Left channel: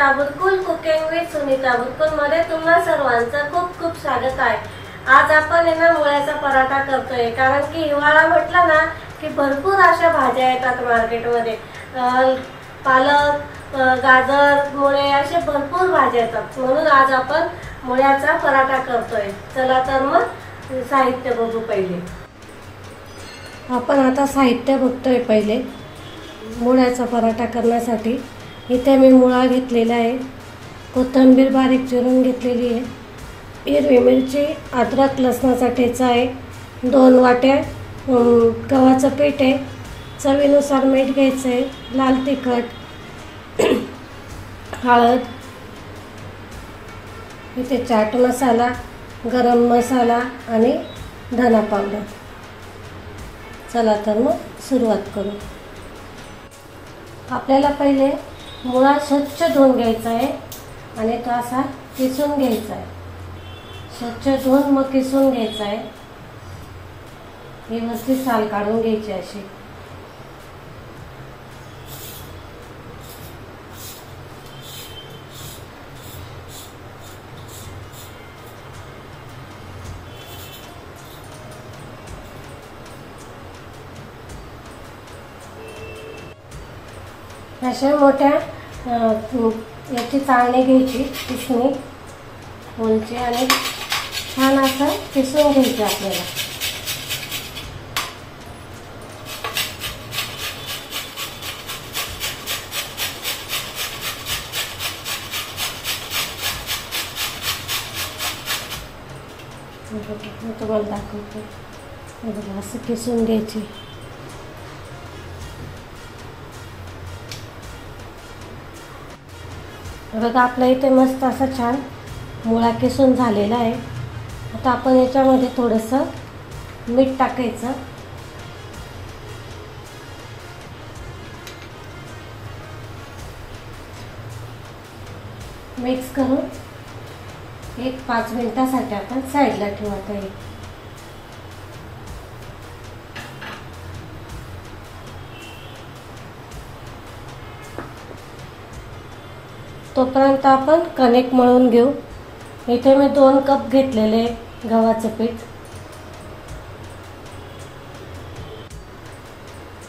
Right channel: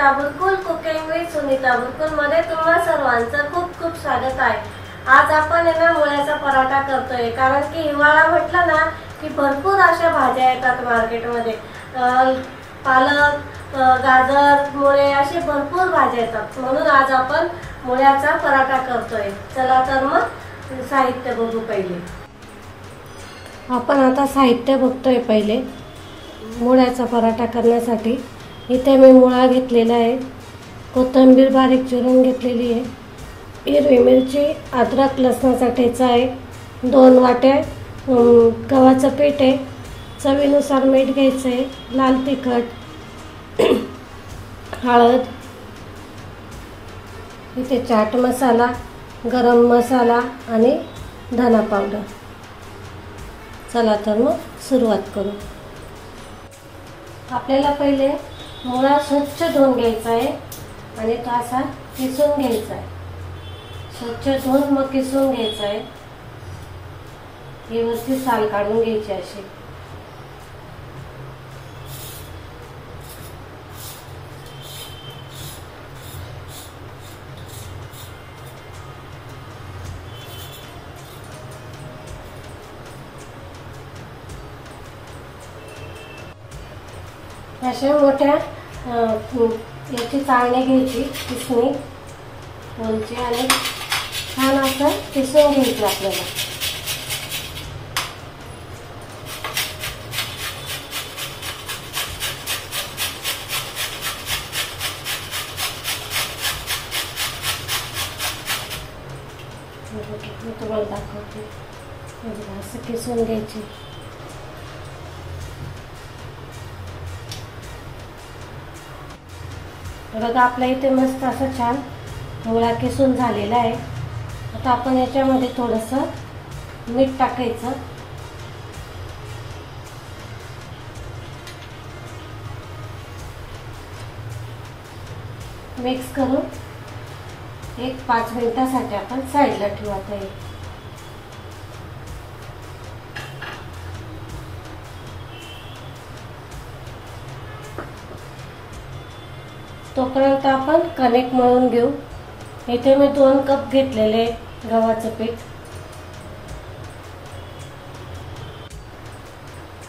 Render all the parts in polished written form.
Sunita Bulkul cooking with Sunita Bulkul मध्ये तुम्हा सर्वांचं खूप खूप स्वागत आहे। आज आपण ना मुळ्याचा पराठा करतोय, कारण की हिवाळा म्हटलं ना की भरपूर अशा भाज्या येतात मार्केटमध्ये। पालक, गाजर, मुळे असे भरपूर भाज्या येतात, म्हणून आज आपण मुळ्याचा पराठा करतोय। चला तर मग साहित्य बघू। पहिले आपण आता साहित्य बघतोय। पहिले मुळ्याचा पराठा करण्यासाठी इथे मी मुळा घेतलेला आहे, कोथिंबीर बारीक चिरून घेतलेली आहे, हिरवी मिरची, अद्रक लसणाचा ठेचा आहे, 2 वाट्या गव्हाचं पीठ आहे, चवीनुसार मीठ घ्यायचं आहे, लाल तिखट, हळद, इथे चाट मसाला, गरम मसाला आणि धना पावडर। चला तर मग सुरुवात करू। आपल्याला पहिले मुळा स्वच्छ धुवून घ्यायचा आहे आणि तो असा किसून घ्यायचा आहे। स्वच्छ धुवून मग किसून घ्यायचा आहे, व्यवस्थित साल काढून घ्यायची अशी। अशा मोठ्या याची चाळणी घ्यायची, किसणी बोलची, आणि छान असं किसून घ्यायचं आपल्याला। तुम्हाला दाखवते, असं किसून घ्यायची। बघा आपल्या इथे मस्त असा छान मुळा किसून झालेला आहे। आता आपण याच्यामध्ये थोडंसं मीठ टाकायचं, मिक्स करून 1-5 मिनिटासाठी आपण साईडला ठेवू। आता तोपर्यंत आपण कणिक मळून घेऊ। इथे मी 2 कप घेतलेले गव्हाचं पीठ,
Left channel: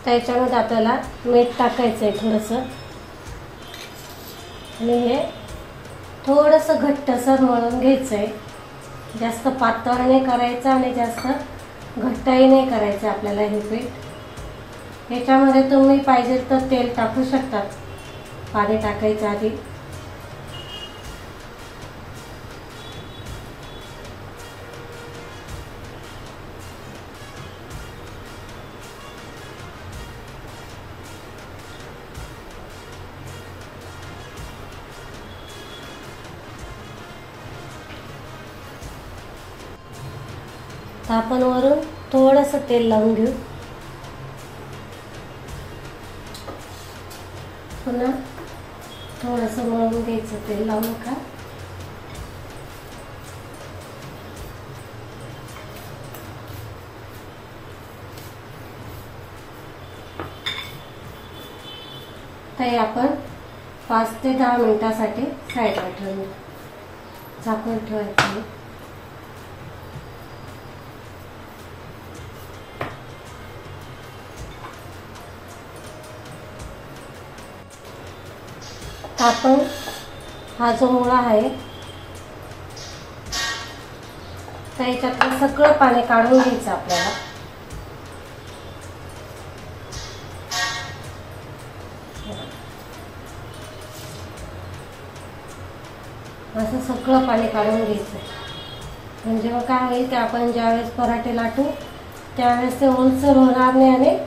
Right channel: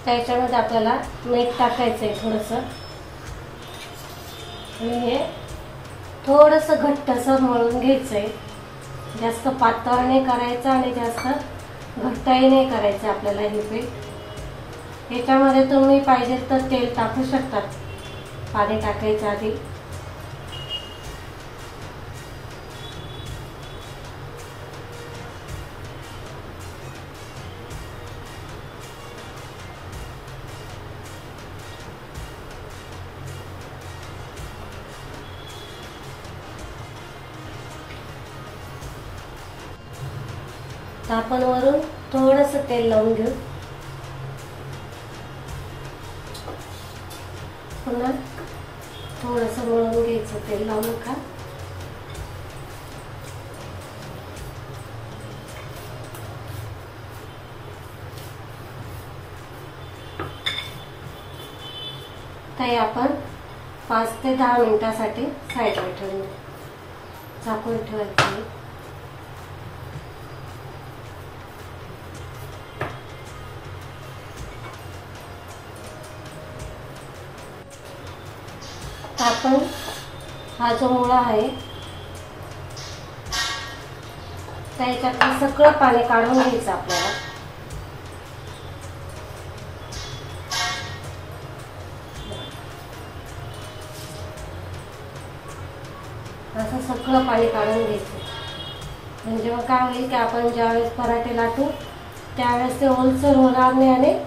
त्याच्यामध्ये आपल्याला मीठ टाकायचं आहे थोडंसं, आणि हे थोडंसं घट्टसर मळून घ्यायचं आहे। जास्त पातळ नाही करायचं आणि जास्त घट्टही नाही करायचं आपल्याला हे पीठ। याच्यामध्ये तुम्ही पाहिजे तर तेल टाकू शकतात पाणी टाकायच्या आधी। आपण वरून थोडंसं तेल लावून घेऊ, पुन्हा थोडंसं मळून घ्यायचं, तेल लावू नका। ते आपण 5 ते 10 मिनिटासाठी साईडला ठेवू, झाकून ठेवायचं। आपण हा जो मुळा आहे त्याच्यातलं सगळं पाणी काढून घ्यायचं आपल्याला। असं सगळं पाणी काढून घ्यायचं, म्हणजे मग काय होईल की आपण ज्यावेळेस पराठे लाटू त्यावेळेस ते ओलसर होणार नाही आणि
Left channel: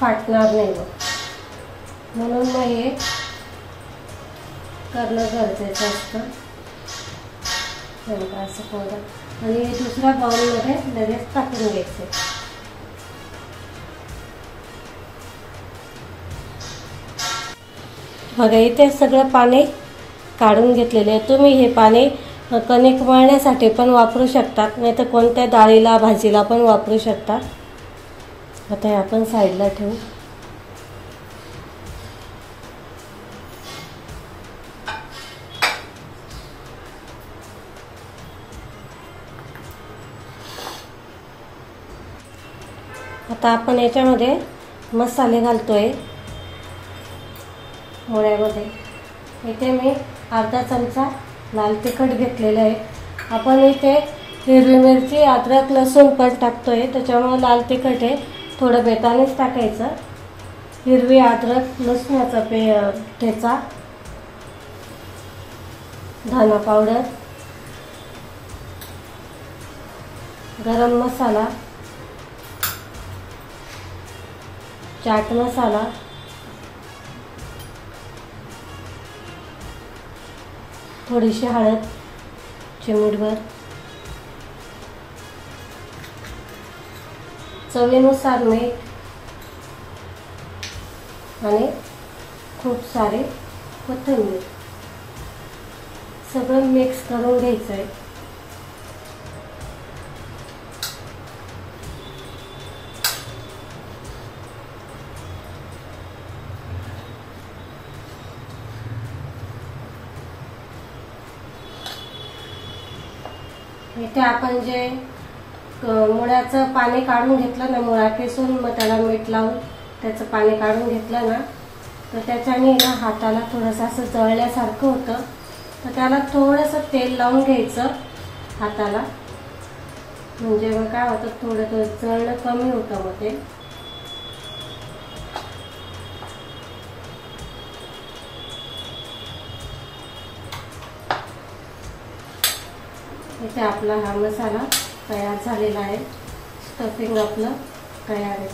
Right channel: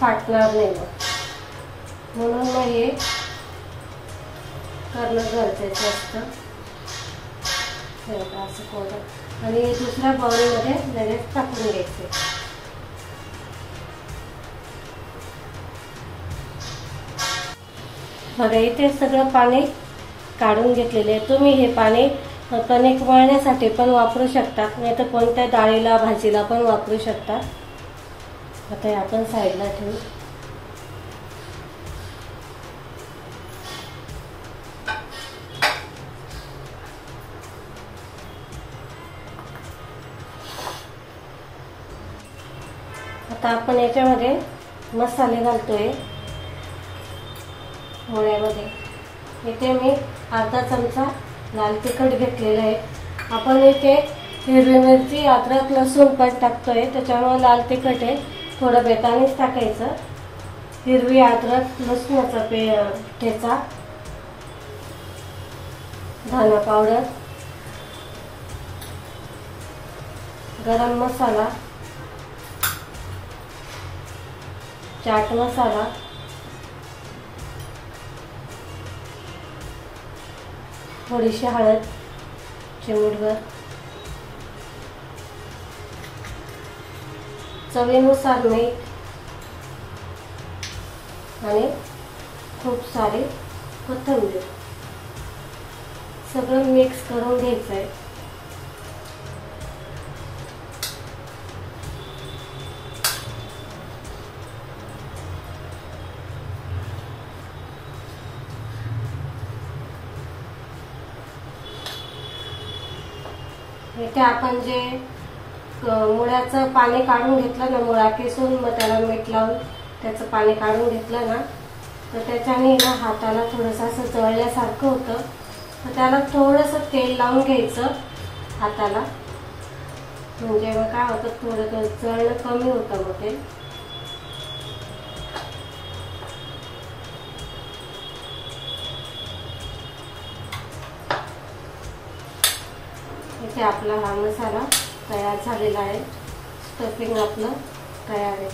फाटणार नाही, म्हणून हे करणं गरजेचं असतं। असं करून आणि दुसऱ्या बाउलमध्ये लगेच टाकून घ्यायचे। बघा इथे सगळं पाणी काढून घेतलेले आहे। तुम्ही हे पाणी कणिक मळण्यासाठी पण वापरू शकतात, नाही तर कोणत्या डाळीला भाजीला पण वापरू शकता। आता हे आपण साईडला ठेवू। आता आपण याच्यामध्ये मसाले घालतोय मुळ्यामध्ये। इथे मी अर्धा चमचा लाल तिखट घेतलेलं आहे। आपण इथे हिरवी मिरची, अद्रक, लसूण पण टाकतोय, त्याच्यामुळे लाल तिखट आहे, थोडं बेतानेच टाकायचं। हिरवी अद्रक लसणाचा ठेचा, धना पावडर, गरम मसाला, चाट मसाला, थोडीशी हळद, चिमूटभर, चवीनुसार मीठ आणि खूप सारे कोथिंबीर, सगळं मिक्स करून घ्यायचंय। इथे आपण जे मुळ्याचं पाणी काढून घेतलं ना, मुळा किसून मग त्याला मीठ लावून त्याचं पाणी काढून घेतलं ना, तर त्याच्याने ना हाताला थोडंसं असं जळल्यासारखं होतं, तर त्याला थोडंसं तेल लावून घ्यायचं हाताला, म्हणजे मग काय होतं, थोडं जळणं कमी होतं मग ते। इथे आपला हा मसाला तयार झालेला आहे, स्टफिंग आपलं तयार आहे।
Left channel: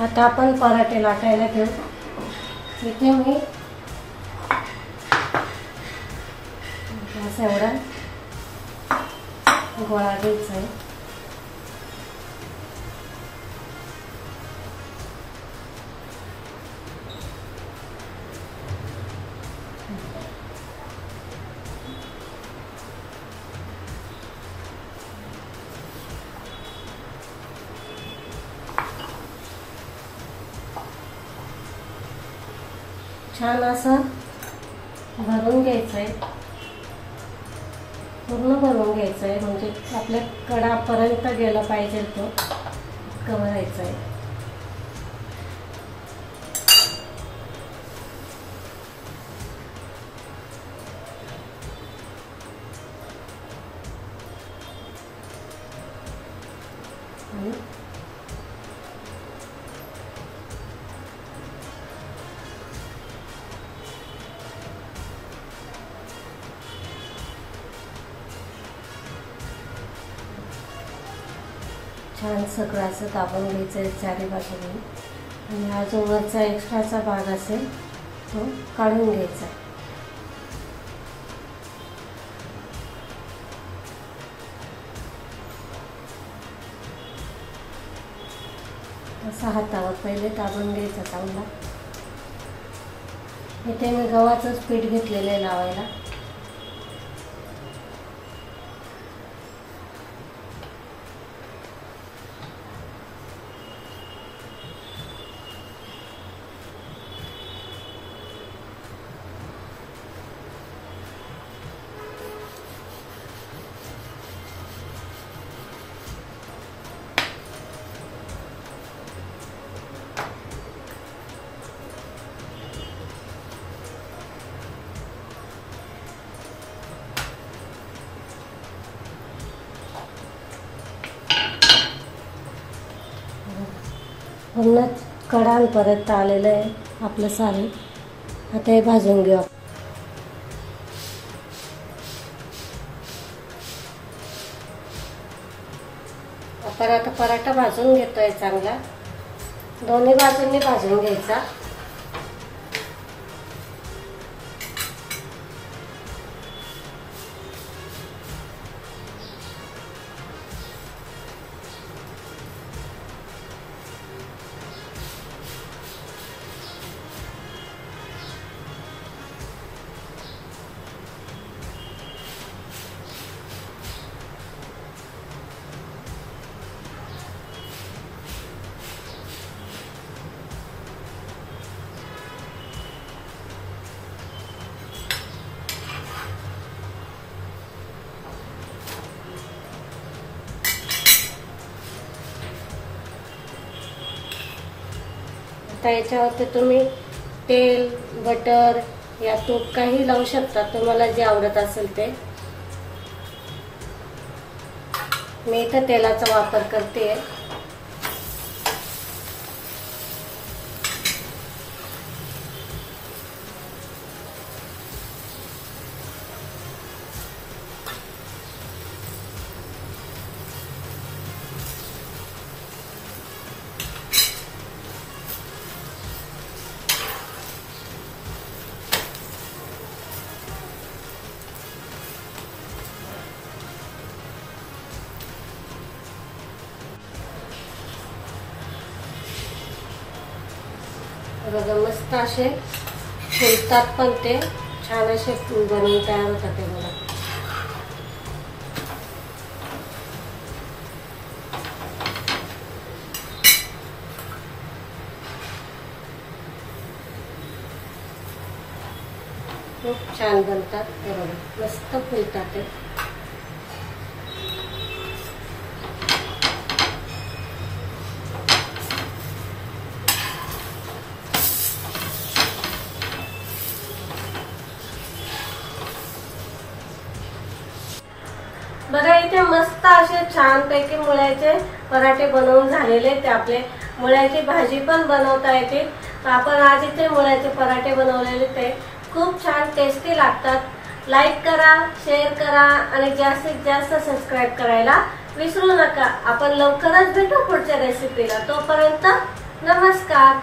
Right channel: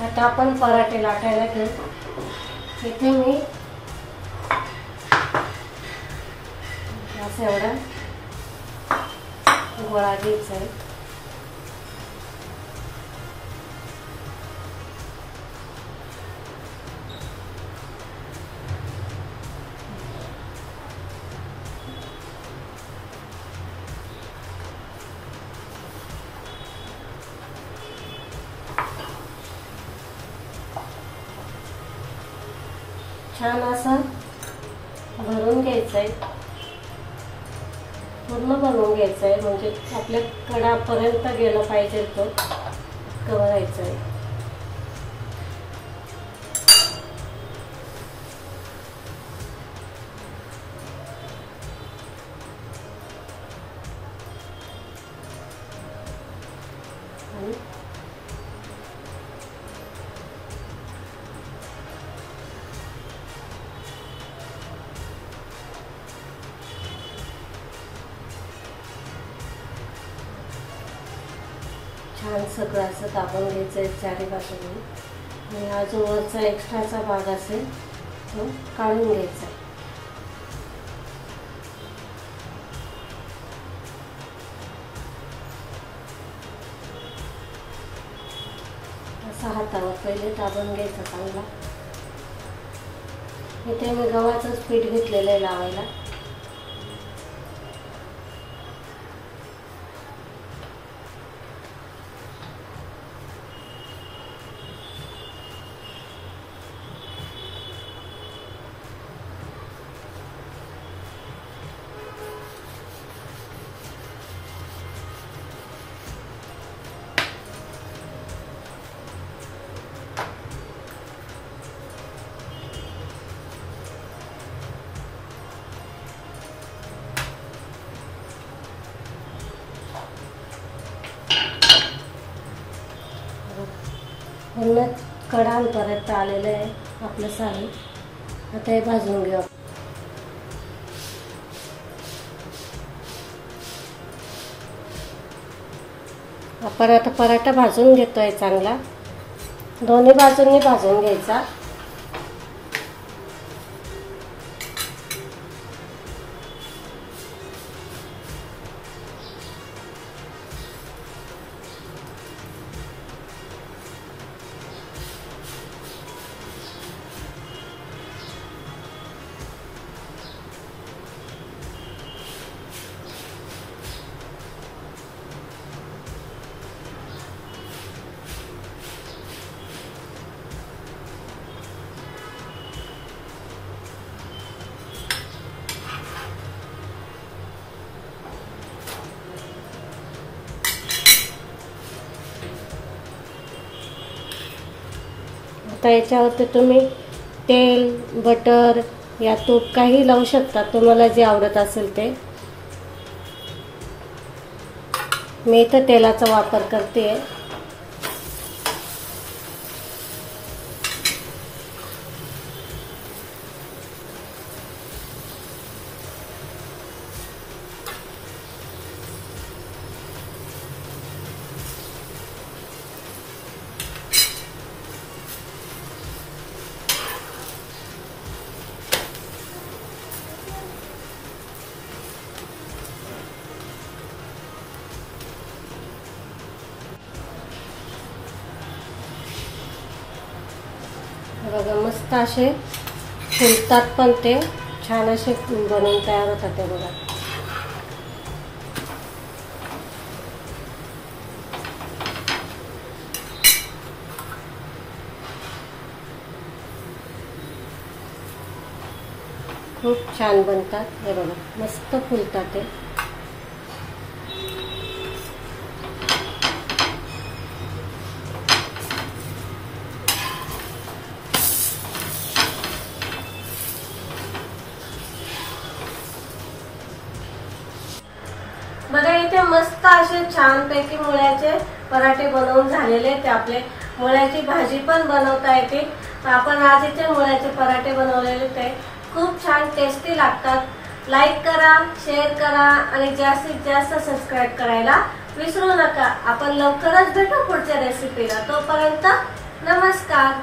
आता आपण पराठे लाटायला घेऊ। इथे मी असा एवढा गोळा घ्यायचा आहे। छान असं भरून घ्यायचंय, पूर्ण भरून घ्यायचंय, म्हणजे आपल्या कडापर्यंत गेला पाहिजे तो भरायचंय। छान सगळं असं दाबून घ्यायचं आहे चारी बाजूने, आणि हा जो वरचा एक्स्ट्राचा भाग असेल तो काढून घ्यायचा। असा हातावर पहिले दाबून घ्यायचा चांगला। इथे मी गव्हाचंच पीठ घेतलेलं आहे लावायला। पूर्ण कडांपर्यंत आलेलं आहे आपलं सारण। आता हे भाजून घेऊ। आपण आता पराठा भाजून घेतोय चांगला, दोन्ही बाजूंनी भाजून घ्यायचा। आता याच्यावरती तुम्ही तेल, बटर या तूप काही लावू शकता, तुम्हाला जे आवडत असेल ते. मी इथं तेलाचा वापर करते. बघा मस्त असे फुलतात, पण ते छान असे बनवून तयार होतात. ते बघा खूप छान बनतात. ते बघा मस्त फुलतात ते. बघा इथे मस्त असे छानपैकी मुळ्याचे पराठे बनवून झालेले. ते आपले मुळ्याची भाजी पण बनवता येते. आपण आज इथे मुळ्याचे पराठे बनवलेले, ते खूप छान टेस्टी लागतात. लाईक करा, शेअर करा आणि जास्तीत जास्त सबस्क्राईब करायला विसरू नका. आपण लवकरच भेटू पुढच्या रेसिपीला. तोपर्यंत नमस्कार.